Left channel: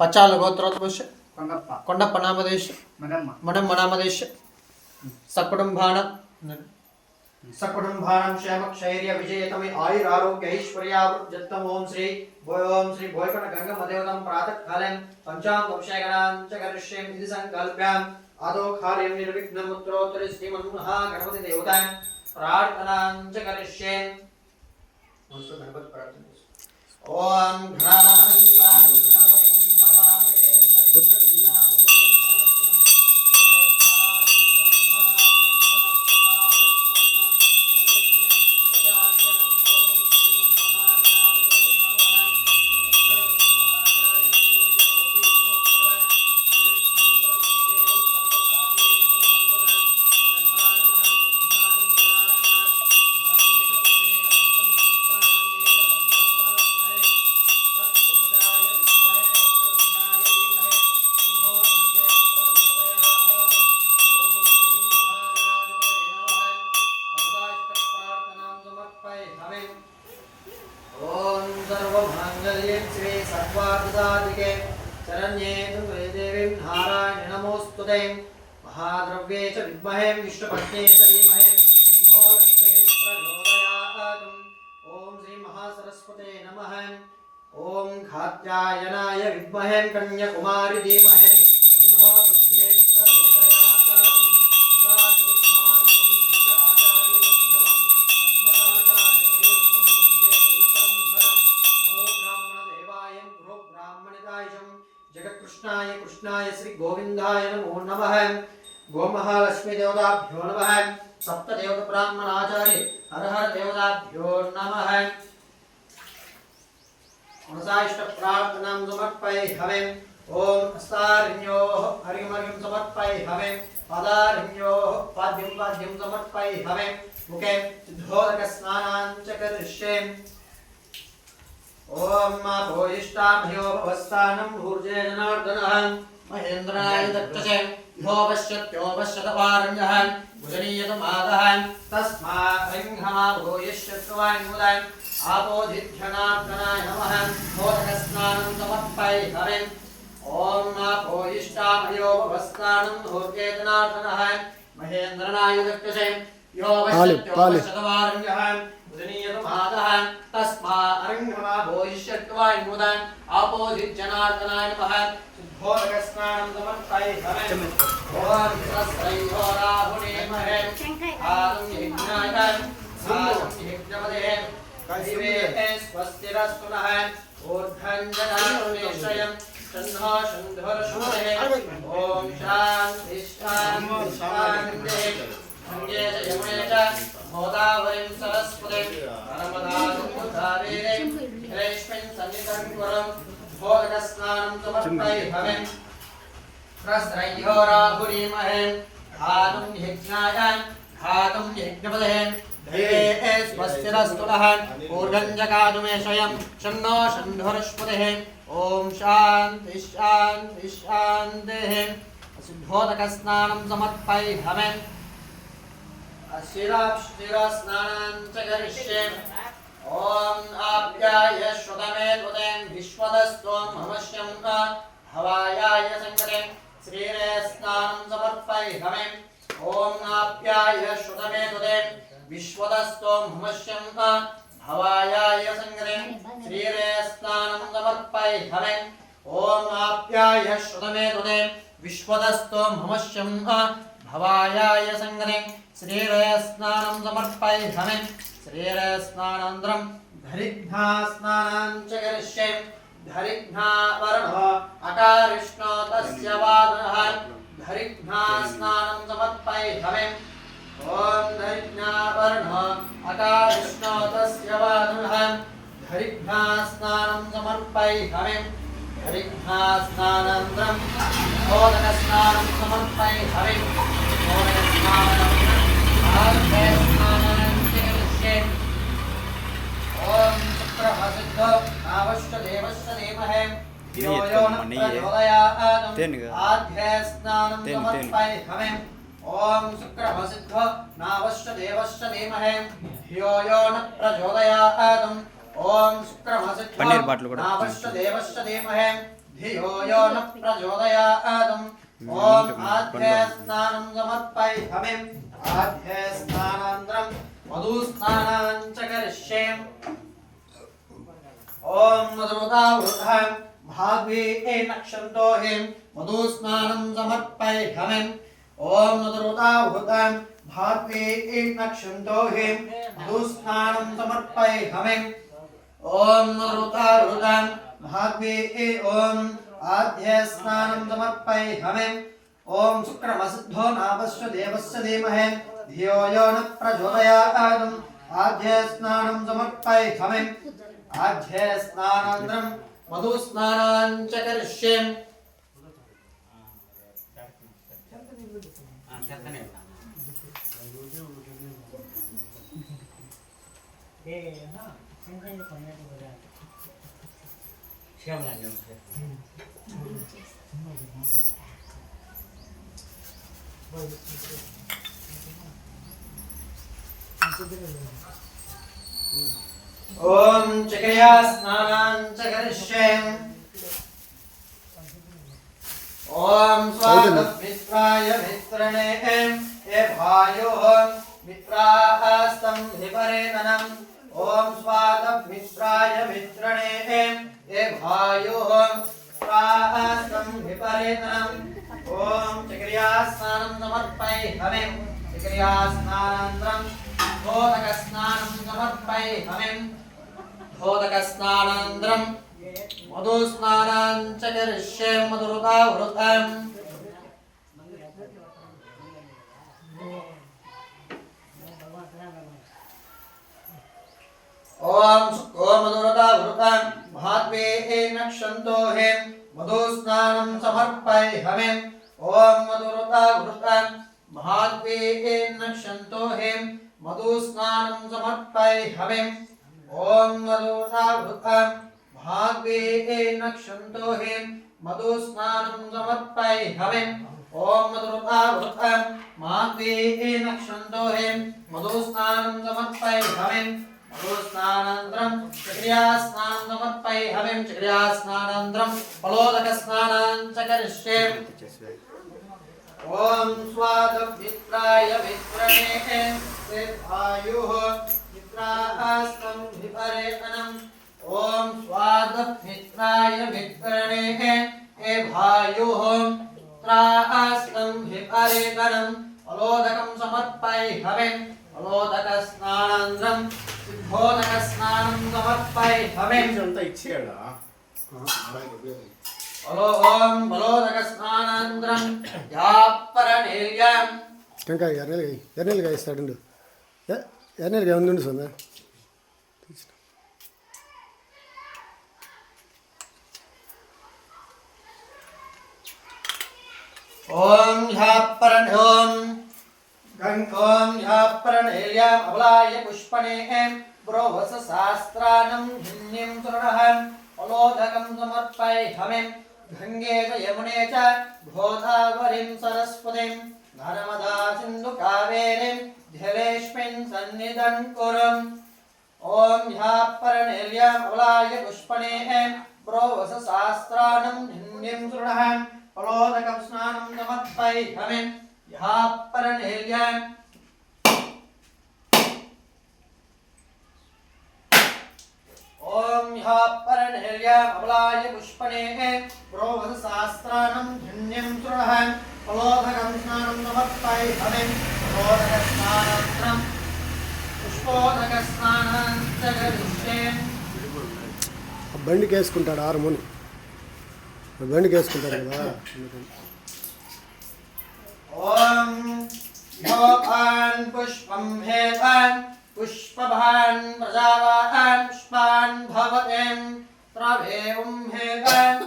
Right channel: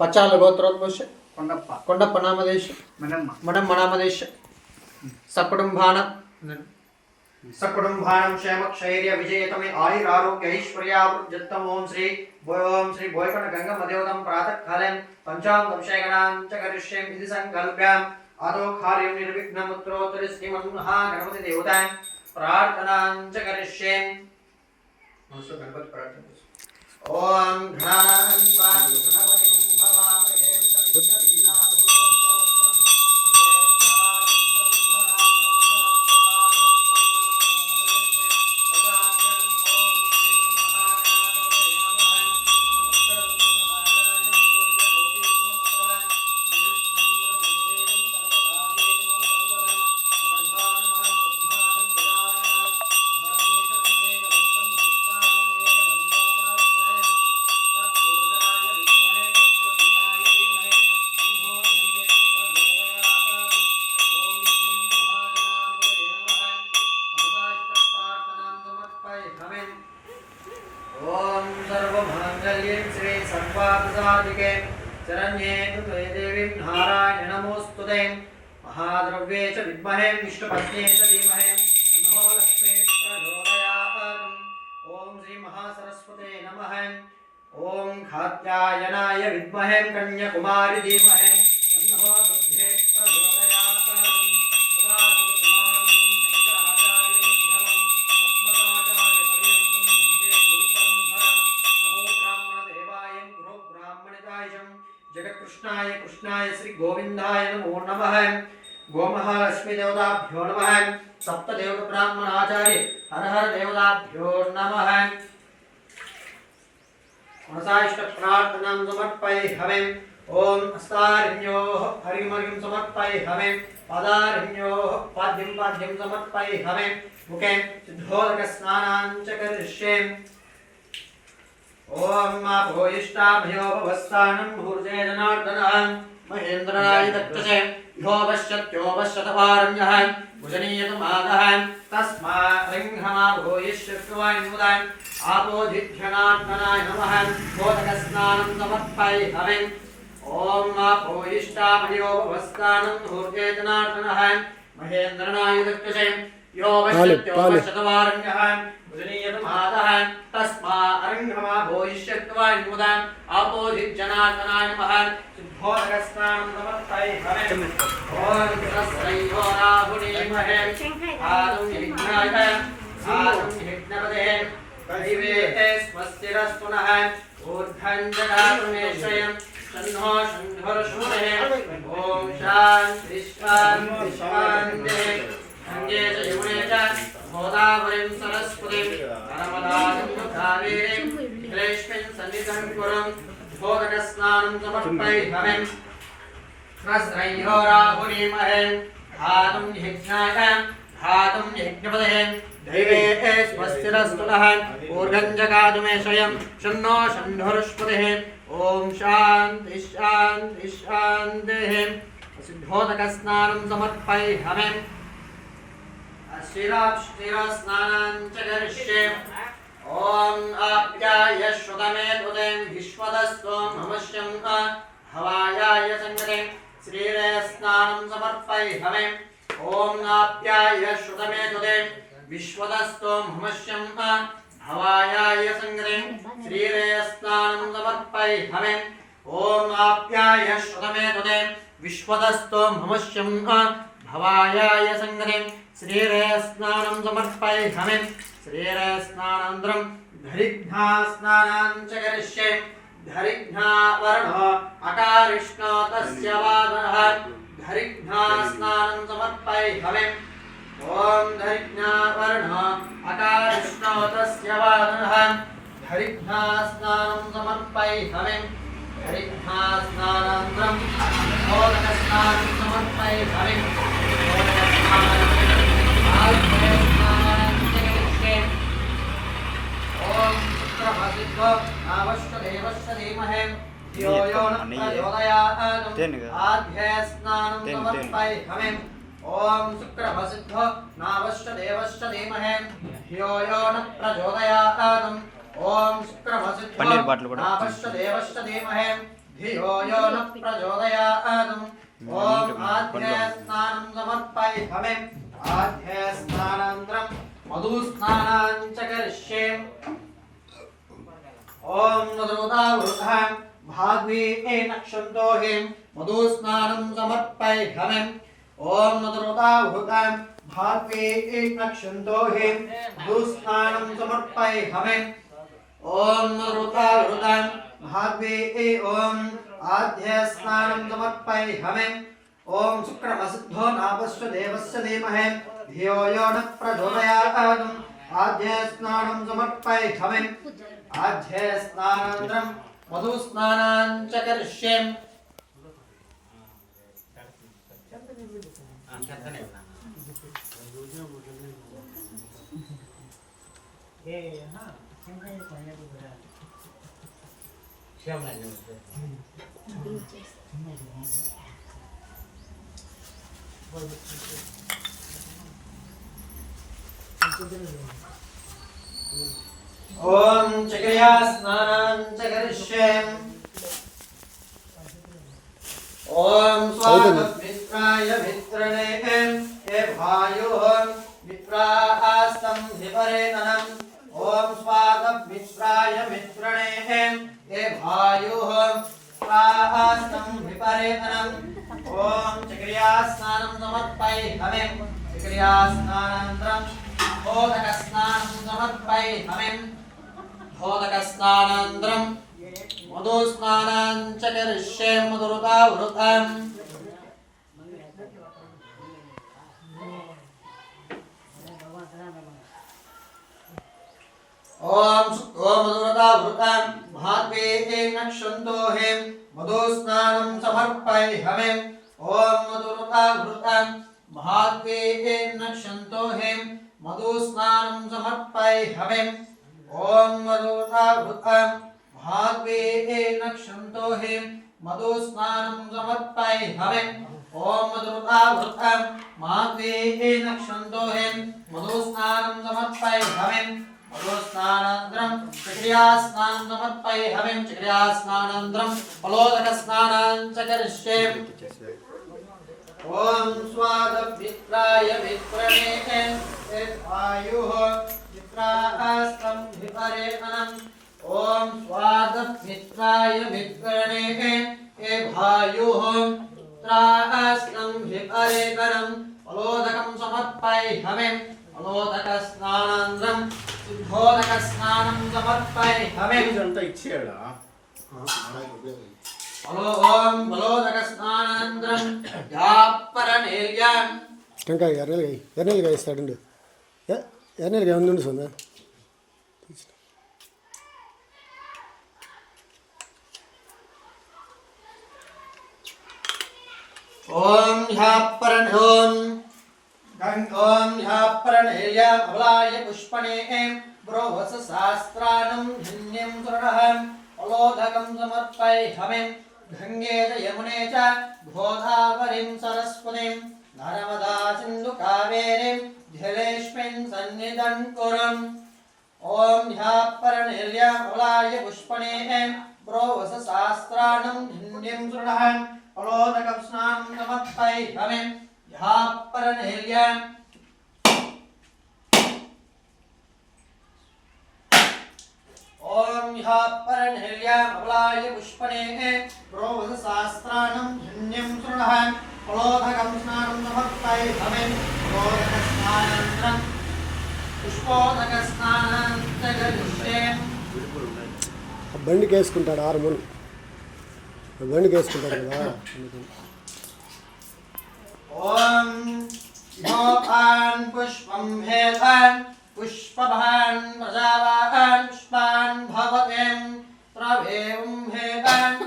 పచాల గోత్రోద్భవస్య కొండప్ప నామదేశ మడమ్మ నామదేశ సకుటుంబానం క్షేమక్షైర్య విజయతమే ఆయురారోగ్య ఐశ్వర్యావృద్ధం ఓం శ్రీ భోయకొండ గంగమ్మ దేవతం ప్రాతకాలం పంచామృతభిషేకణాం చ కరిష్యేం ఇది సంకల్ప్యాం ఆదో కార్యం నిర్విఘ్నముత్రోత్తరి శ్రీమన్మహాగణపతి దేవతాం ప్రార్థనాం చ కరిష్యేం. గణపతి ప్రార్థన ఓం शरण्ये देवी नारायण नमोस्तुते महाद्रव्ये च विद्महे विष्णुपत्ने च धीमहि तन्नो लक्ष्मी प्रचोदयात्. ओम श्री महासरस्वते नमः. ओम कात्यायनाय विद्महे कन्याकुमारी धीमहि तन्नो बुद्धे प्रचोदयात्. सदाशिवसमारम्भं शङ्कराचार्यमध्यमम् अस्मदाचार्यपर्यन्तं वन्दे गुरुपरम्पराम्. नमो ब्राह्मणदेवाय गुरो ब्राह्मणितायं जगत्कृष्णाय कृष्णाय श्री गोविंदाय नमो नमः. गोमहालक्ष्मी देवताभ्यो नमः. सप्तदेवता ब्राह्मणाचार्य हर हर देवताभ्यो नमः. मनसाइष्ट प्रार्थनां समर्पयामि. ओम अस्तारिण्योः हरिं हरिं समर्पयामि. पादारिण्योः पाद्यं समर्पयामि. मुखे सिद्धोदक स्नानां च करिष्यामि. ओम माभोइष्टाभयो भवस्थानं ऊर्जे जनार्दनः महेन्द्राय दक्षसे यो पश्यत्योपश्यतपारण्यः भुजनीयतमादः तस्मात् रिंहमाभोइष्यत्वान्मुदान् आपोधिध्यनार्दनाय नमः. मोदकस्नानं समर्पयामि. ओम माभोइष्टाभयो भवस्थानं ऊर्जे जनार्दनः महेन्द्राय दक्षसे यो पश्यत्योपश्यतपारण्यः भुजनीयतमादः तस्मात् रिंहमाभोइष्यत्वान्मुदान् आपोधित्यनार्दनाय नमः. सिद्धोदकस्नानं समर्पयामि. ओम तस्मै राहुणीमहे आदं यज्ञाय आदं यज्ञपदे करिवे स्वस्तिरस्तु नः. ऊर्ध्वञ्जनामेश्वरं तन्नो शंधुर्षुमहे. ओम शान्ति शान्ति शान्तिः. गंगे च यमुने च गोदावरीं सरस्वतीं नर्मदां कावेरीं जलेऽस्मिन् सन्निधिं कुरु. भोगस्नानं समर्पयामि. रस्त्रयो राहुरीमहे धातुं यज्ञाय धातुं यज्ञपदे दैवे स्वस्तिरस्तु नः. ऊर्ध्वञ्जगातुमेषयं शन्नो शन्धुर्ष्पतिः. ओम शान्ति शान्ति शान्तिः. सिद्धोदकस्नानं समर्पयामि. स्नानं च करिष्यामि. ओम आप्याय श्रुतमे त्वदें विश्वदस्त्वं नमस्यं हवायाय संगते श्रीरे स्नानं समर्पयामि. ओम आप्याय श्रुतमे त्वदें विश्वदस्त्वं नमस्यं हवायाय संगते श्रीरे स्नानं समर्पयामि. ओम आप्याय श्रुतमे त्वदें विश्वदस्त्वं नमस्यं भवायाय संगते श्रीरे स्नानं समर्पयामि. श्रीरे स्नानानन्तरं धरिघ्ना स्नानं च करिष्यामि. धरिघ्ना वर्णः अकारिष्णो तस्य वादनः धरिघ्ना स्नानं समर्पयामि. ओम धरिघ्ना वर्णः अकारिष्णो तस्य वादनः धरिघ्ना स्नानं समर्पयामि. धरिघ्ना स्नानानन्तरं मोदकस्नानं समर्पयामि. ओम शुक्रभासिद्धो नावश्च देवश्च धीमहि धियो यो न प्रचोदयात्. आद्ये स्नानं समर्पयामि. ओम शुक्रभासिद्धो नावश्च देवश्च धीमहि धियो यो न प्रचोदयात्. ओम शुक्रभासिद्धो नावश्च देवश्च धीमहि धियो यो न प्रचोदयात् ॐ आद्ये स्नानं समर्पयामि आद्ये स्नानानन्तरं मधुस्नानं च करिष्ये ॐ मधुदावृतं भाग्ये नक्षन्तोहिं मधुस्नानं समर्पयामि ॐ मधुदावृतं भाग्ये नक्षन्तोहिं मधुस्नानं समर्पयामि ॐ मधुदावृतं भाग्ये ॐ आद्य स्नानं समर्पयामि ॐ शुक्रमसिद्धो नापस्य देवस्य धीमहि धियो यो न प्रचोदयात् आद्य स्नानं समर्पयामि आद्य स्नानानन्तरं मधुस्नानं च करिष्ये ॐ चक्रिया स्नानं च करिष्ये ॐ स्वागतमित्राय मित्रणे ये भायोः मित्राः स्तम्भिपरेतनम् ॐ स्वागतमित्राय मित्रणे ये भायोः मित्राः स्तम्भिपरेतनम् ॐ चक्रिया स्नानं समर्पयामि चक्रिया स्नानानन्तरं भोदकस्नानं समर्पयामि भोदकस्नानानन्तरं मधुस्नानं च करिष्ये मधुदावृतम् ॐ मधुदावृतं भाग्ये नक्षन्तोहिं मधुस्नानं समर्पयामि ॐ मधुदावृतं भाग्ये नक्षन्तोहिं मधुस्नानं समर्पयामि ॐ मधुदावृतं भाग्ये नक्षन्तोहिं मधुस्नानं समर्पयामि ॐ मधुदावृतं भाग्ये नक्षन्तोहिं मधुस्नानं समर्पयामि मधुस्नानानन्तरं चक्रियास्नानं समर्पयामि चक्रियास्नानानन्तरं फलोदकस्नानं च करिष्ये ॐ स्वादमित्राय मित्रणे आयुः मित्रास्तं विपरेतनम् ॐ स्वादमित्राय मित्रणे भायुः मित्रास्तं विपरेतनम् फलोदकं समर्पयामि फलोदकस्नानानन्तरं सिद्धोदकस्नानं समर्पयामि అంతా ఇచ్చేయాడా ॐ फलोदकस्नानानन्तरं यापरनेर्याम् టెంకాయ ఎర్రనెల్లిగా ఇస్తాడు ఎర్రనెల్లిగా ఉండు సొంత ॐ ह्यापरनेर्याम् अबलाय पुष्पणे ब्रोवस शास्त्रानं हिन्यं सुरणः फलोदकं समर्पयामि गंगे च यमुने च गोदावरीं सरस्वतीं नर्मदा सिन्धु कावेरीं जलेऽस्मिन् सन्निधं कुरुम् ॐ ह्यापरनेर्याम् अबलाय पुष्पणे ब्रोवस शास्त्रानं हिन्यं सुरणः फलोदकं स्नानं समर्पयामि ह्यापरनेर्याम् ॐ ह्यापरनेर्याम् अबलाय पुष्पणे ब्रोवस शास्त्रानं हिन्यं सुरणः फलोदकं स्नानं समर्पयामि फलोदकस्नानानन्तरं पुष्पोदकस्नानं च करिष्ये బండికి వేసుకుంటాడు ఆరుమూని బండికి వేసుకుంటాడు కదా ॐ योपान् पुष्पं हेतान् पुष्पभान् प्रजावान् पुष्पान् भवतें प्रवेवं हेतान्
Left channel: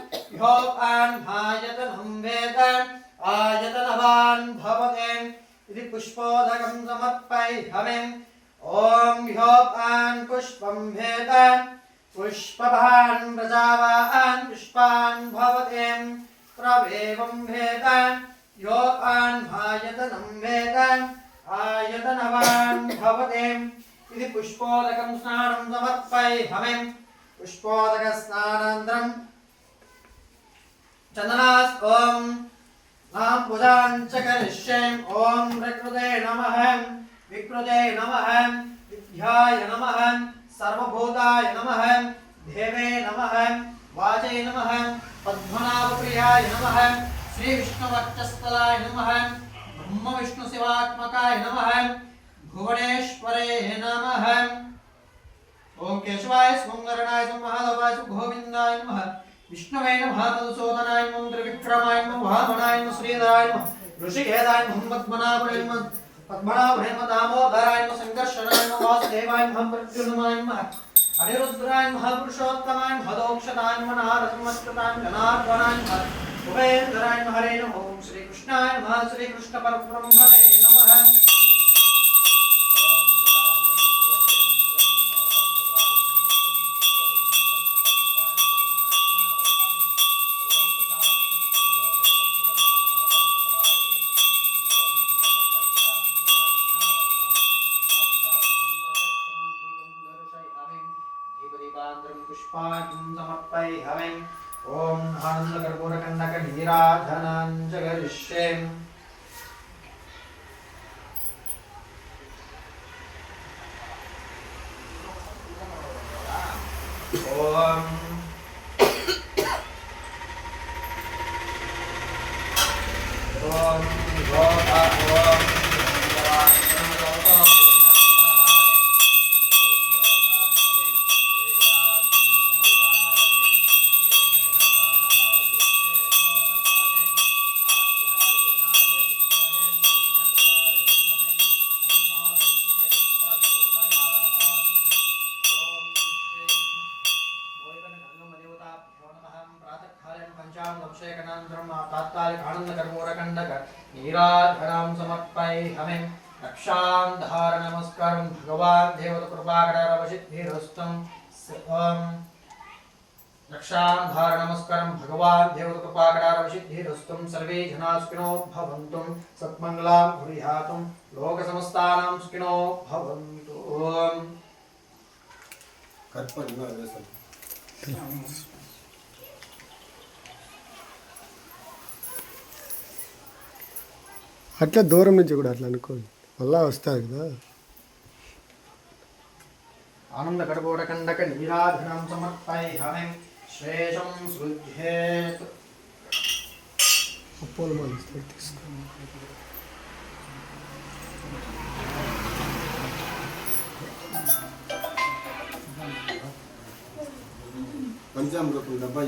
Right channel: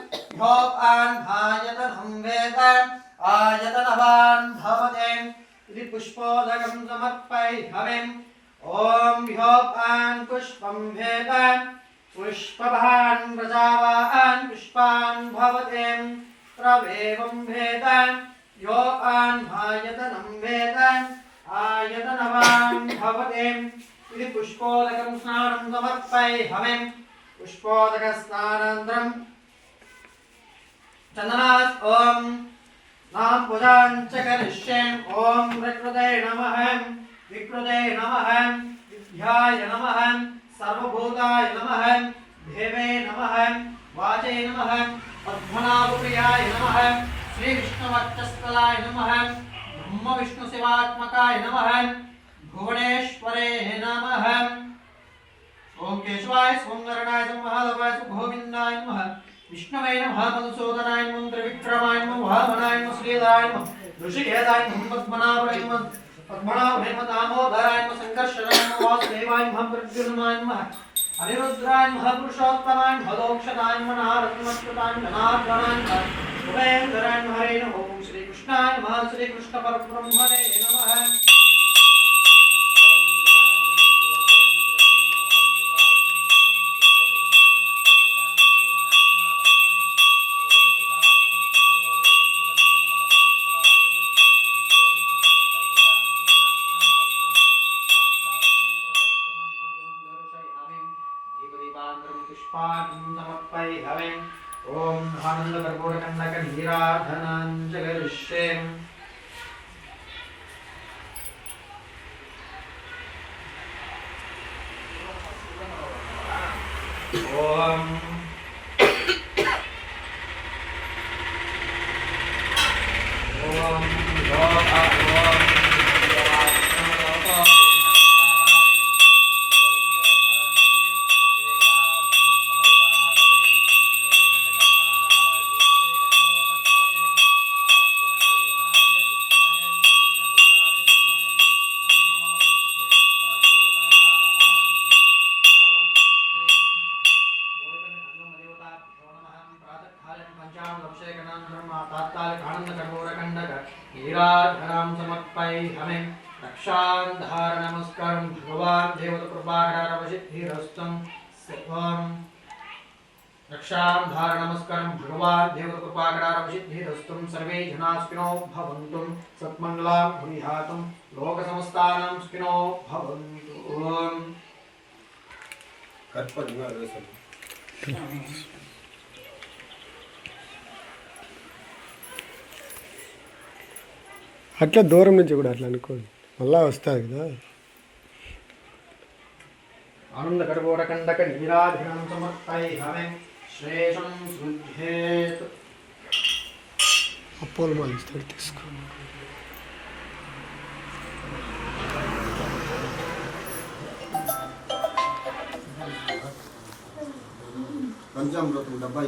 योपान् भायतनं वेदान् आयतनवान् भवतें इति पुष्पोदकं समर्पयामि ॐ योपान् पुष्पं हेतान् पुष्पभान् प्रजावान् पुष्पान् भवतें प्रवेवं हेतान् योपान् भायतनं वेदान् आयतनवान् भवतें इति पुष्पोदकं स्नानं समर्पयामि पुष्पोदकस्नानानन्तरं चंदनास् ओम नाम पूजां च करिष्ये ओम प्रकृते नमः विकृते नमः विद्याय नमः सर्वभूताय नमः देवे नमः वाचे नमः पद्मनाभप्रियाय नमः श्री विष्णुवक्षस्थलाय नमः ब्रह्म विष्णु शिवात्मकाय नमः भुवनेश्वरे नमः ओम केशवाय सुंदरनाय महादेवाय गोविंदाय नमः विष्णवे नमः मधुसूदनाय नमः त्रिविक्रमाय नमः वामनाय नमः श्रीधराय नमः ऋषिकेदाय नमः पद्मनाभाय नमः पद्मनाभाय नमः दामोदराय नमः संकर्षणाय नमः वासुदेवाय नमः प्रद्युम्नाय नमः अनिरुद्राय नमः पुरुषोत्तमाय नमः दोक्षताय नमः नारदमस्तुताय जनार्दनाय नमः उभयेन्द्राय नमः हरे नमः ओम श्री कृष्णाय नमः श्री कृष्ण परब्रह्मणे नमः पुष्पाणि समर्पयामि ओम आनंदकर्पूरकण्डक नीराधनं च करिष्ये ओम नीराधनं समर्पयामि रक्षां नमस्कारं भगवान् देवतकृपाकटाक्षसिद्धिरस्तुं ओम रक्षां नमस्कारं भगवान् देवतकृपाकटाक्षसिद्धिरस्तुं सर्वे जनास्किनो भवन्तु सत्मङ्गलां भूयातुं लोकसमस्तानां स्किनो भवन्तु ओम అట్లా దూరం నుంచి కూడా అట్లా అనుకోండి మళ్ళా వస్తారు కదా आनंदकर्पूरकण्डक नीराधनं समर्पयामि श्रेषं सृज्येत् అప్పోలు మాలు ఇస్తారు తీసుకో పంచామృతం డబ్బా